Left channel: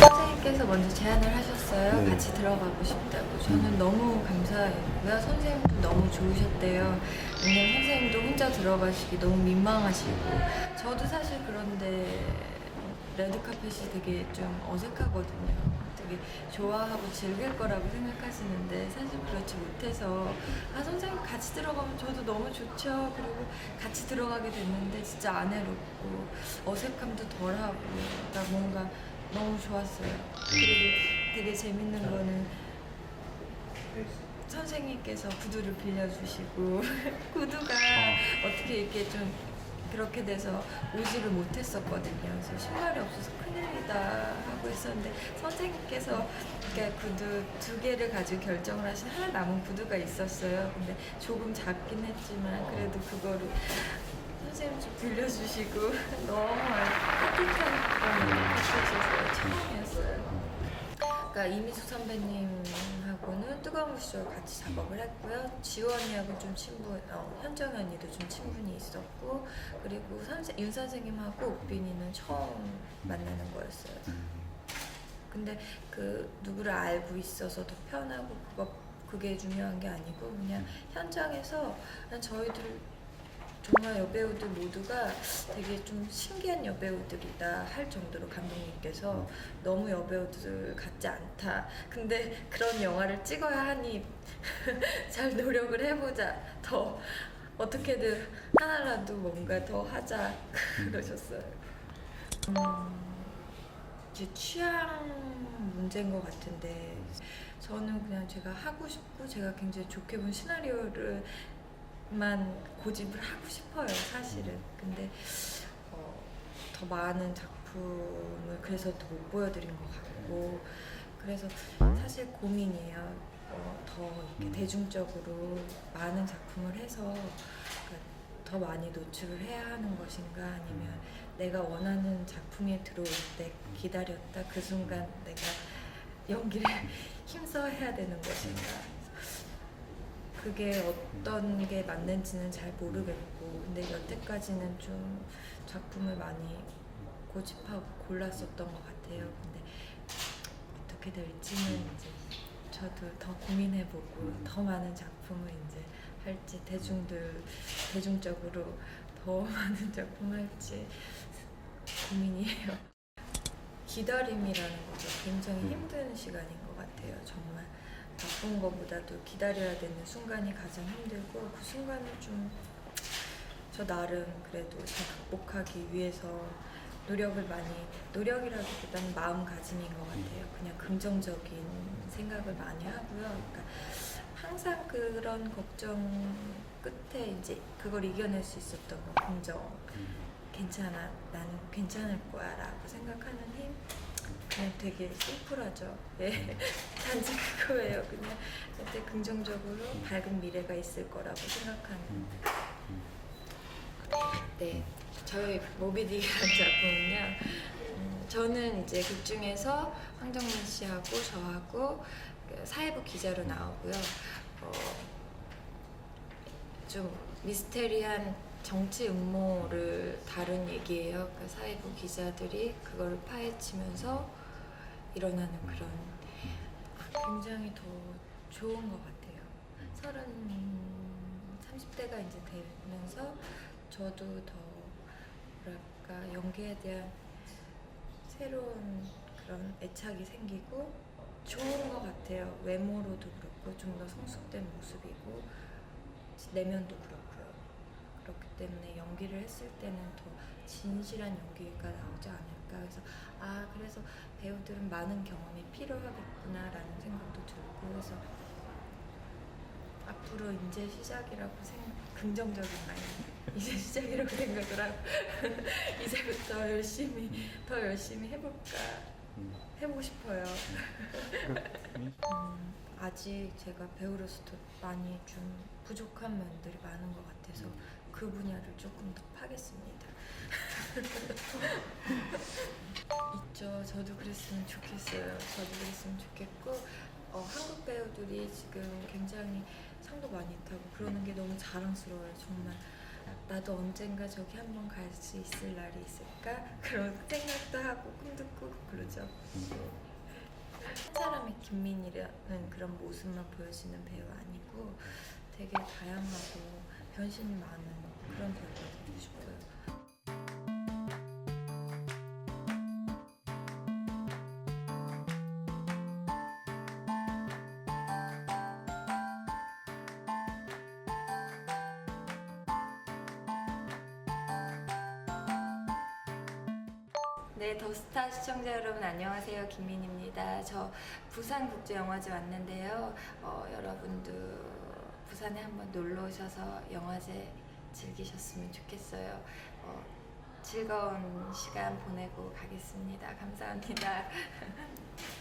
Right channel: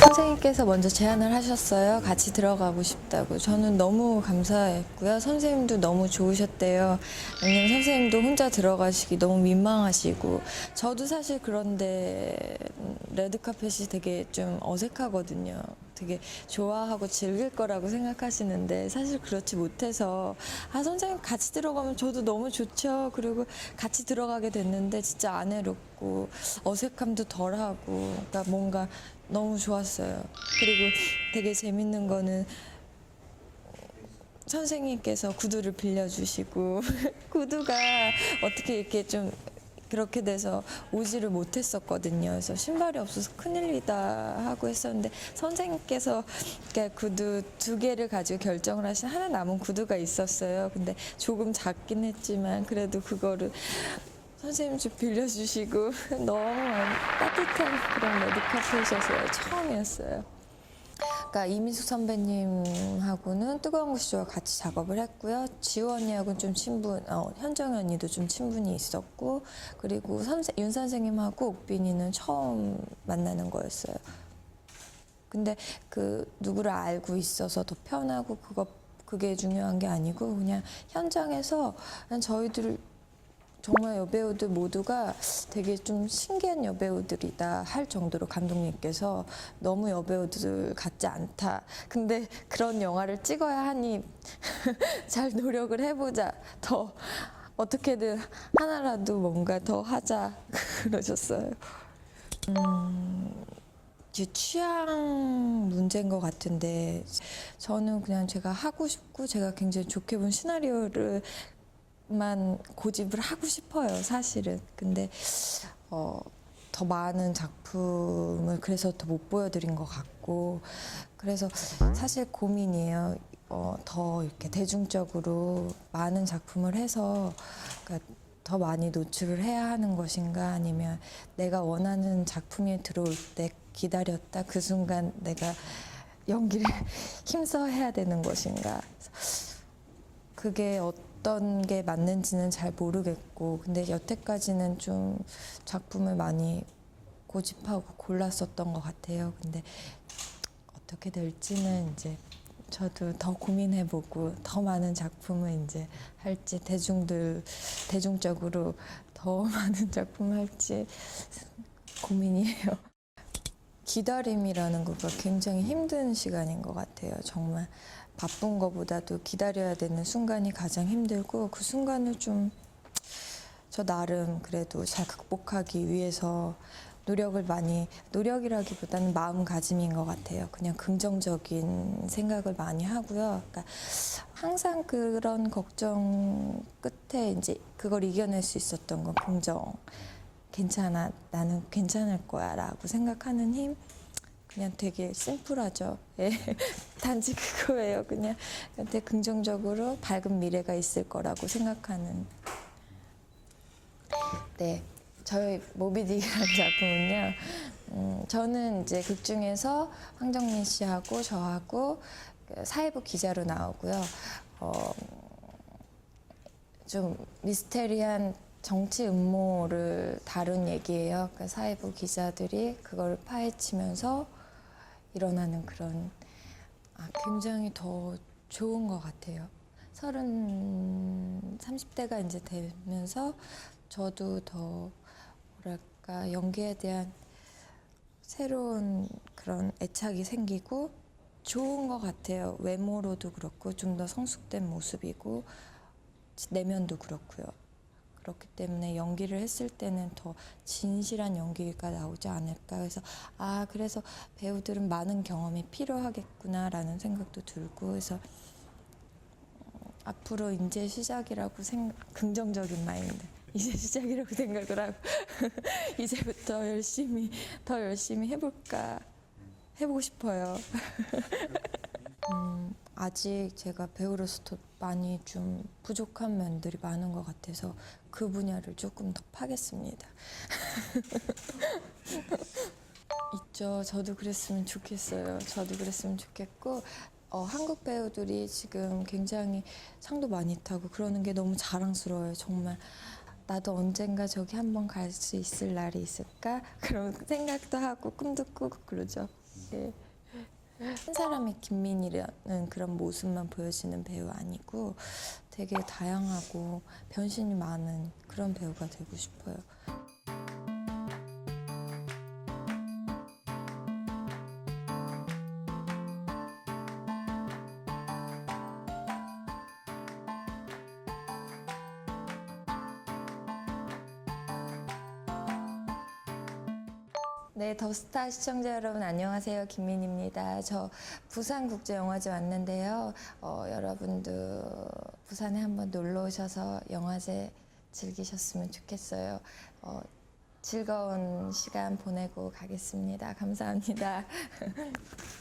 선생님께서 먼저 제안을 하셨어요. 네. 같이 들어가고 싶다고. 저는 너무 감사했고요. 선생님도 너무 좋으셨대요. 왜냐면 선생님도 혼자 들어가시기 너무 민망하시고. 저도 사실 그런데 레드카펫이 되게 좀 어색하거든요. 되게 좋아하고 즐길 거라고 생각하시는데 사실 그렇지 못해서 아 선생님 같이 들어가면 저도 너무 좋죠. 그리고 같이 들어가게 됐는데 진짜 안 외롭고 어색함도 덜하고 그러니까 뭔가 너무 좋았어요. 그리고 되게 재밌는 거는 선생님께서 구두를 빌려주시고 구두가 어떻게 이렇게 좀 그렇게 돼서 오지를 못했었거든요. 그래서 신발이 없어서 큰일이다 하고 했었는데 선생님께서 이렇게 구두 두 개를 가지고 결정을 하신 하나 남은 구두가 있었어요. 근데 조금 작긴 했지만 그래도 그거를 선생님 좀 빌려주시고 너무 따뜻한 그런 메디카 페이셔서 처음이었어요. 그러니까 이미수 선배님하고는 뜨거운 구시와 같이 작업을 했고요. 지호 언니하고는 좀 친분, 어, 현정 언니도 좀 친분이 있었고, 그리고 선생, 윤 선생님하고 옥빈이는 처음 만나는 거였어요. 근데 그 누구를 알고 있어서 더 편하고 그거 그게 중요한 게 아니고 그냥 현장에서 저희들 정말 여배우들 모두가 되게 좀 신기한 여배우들이다 할 정도로 감독님께서 너무 여배우들 같지 않다. 근데 그런 영화를 찍어야 하니 잘 노력을 해보자. 더 어떻게든 하나라도 뭔가 더 하자 그러셨어요. 음, 이제 취향 문제인 것 같은데 저는 그냥 제가 하고 싶고 제가 굉장히 좋게 본 시나리오를 만 고집을 하고 싶어요, 사실은. 근데 어, 더 많은 작품을 그래서 더 못 보여드린 것 같고 그래서 사실 고민이에요. 어, 더 이렇게 대중적으로 많은 작품을 해서 그러니까 더 많이 노출을 해야 하는 것인가 아니면 내가 원하는 작품이 들어올 때 기다렸다 그 순간 내가 연기를 힘써 해야 되는 것인가 그게 어떤 게 맞는지는 잘 모르겠고 근데 여태까지는 좀 작품을 많이 고집하고 골랐었던 것 같아요. 근데 어떻게 될지는 이제 저도 더 고민해보고 더 많은 작품을 이제 할지 대중들 대중적으로 더 많은 작품을 할지 고민이에요. 기다림이라는 것가 굉장히 힘든 시간인 것 같아요. 정말 바쁜 것보다도 기다려야 되는 순간이 가장 힘들고 그 순간을 좀 저 나름 그래도 잘 극복하기 위해서 노력을 많이 노력이라기보다는 마음가짐인 것 같아요. 그냥 긍정적인 생각을 많이 하고요. 그러니까 항상 그런 걱정 끝에 이제 그걸 이겨낼 수 있었던 건 긍정. 괜찮아, 나는 괜찮을 거야라고 생각하는 힘. 그냥 되게 심플하죠. 예. 단지 그거예요. 그냥 되게 긍정적으로 밝은 미래가 있을 거라고 생각하는. 네. 저희 모비딕이라는 작품은요. 음, 저는 이제 극 중에서 황정민 씨하고 저하고 그 사회부 기자로 나오고요. 어, 좀 미스테리한 정치 음모를 다룬 얘기예요. 그 사회부 기자들이 그걸 파헤치면서 일어나는 그런 아, 굉장히 더 좋은 것 같아요. 서른 30대가 이제 되면서 저도 더 뭐랄까 연기에 대한 새로운 그런 애착이 생기고 좋은 것 같아요. 외모로도 그렇고 좀 더 성숙된 모습이고 내면도 그렇고요. 그렇기 때문에 연기를 했을 때는 더 진실한 연기가 나오지 않을까. 그래서 아 그래서 배우들은 많은 경험이 필요하겠구나라는 생각도 들고 해서 앞으로 이제 시작이라고 생각 긍정적인 마인드. 이제 시작이라고 생각을 하고 이제부터 열심히 더 열심히 해볼까 해보고 싶어요. 음, 아직 제가 배우로서 많이 좀 부족한 면들이 많은 것 같아서 그 분야를 조금 더 파겠습니다. 있죠. 저도 그랬으면 좋겠어요. 저도 그랬으면 좋겠고 어, 한국 배우들이 지금 굉장히 상도 많이 타고 그러는 게 너무 자랑스러워요. 정말 나도 언젠가 저기 한번 갈 수 있을 날이 있을까 그런 생각도 하고 꿈도 꾸고 그러죠. 네. 한 사람의 김민이라는 그런 모습만 보여지는 배우 아니고 되게 다양하고 변신이 많은 그런 배우가 되고 싶어요. 네, 더스타 시청자 여러분 안녕하세요. 김민입니다. 저 부산국제영화제 왔는데요. 어, 여러분도 부산에 한번 놀러 오셔서 영화제 즐기셨으면 좋겠어요. 어, 즐거운 시간 보내고 가겠습니다. 감사합니다.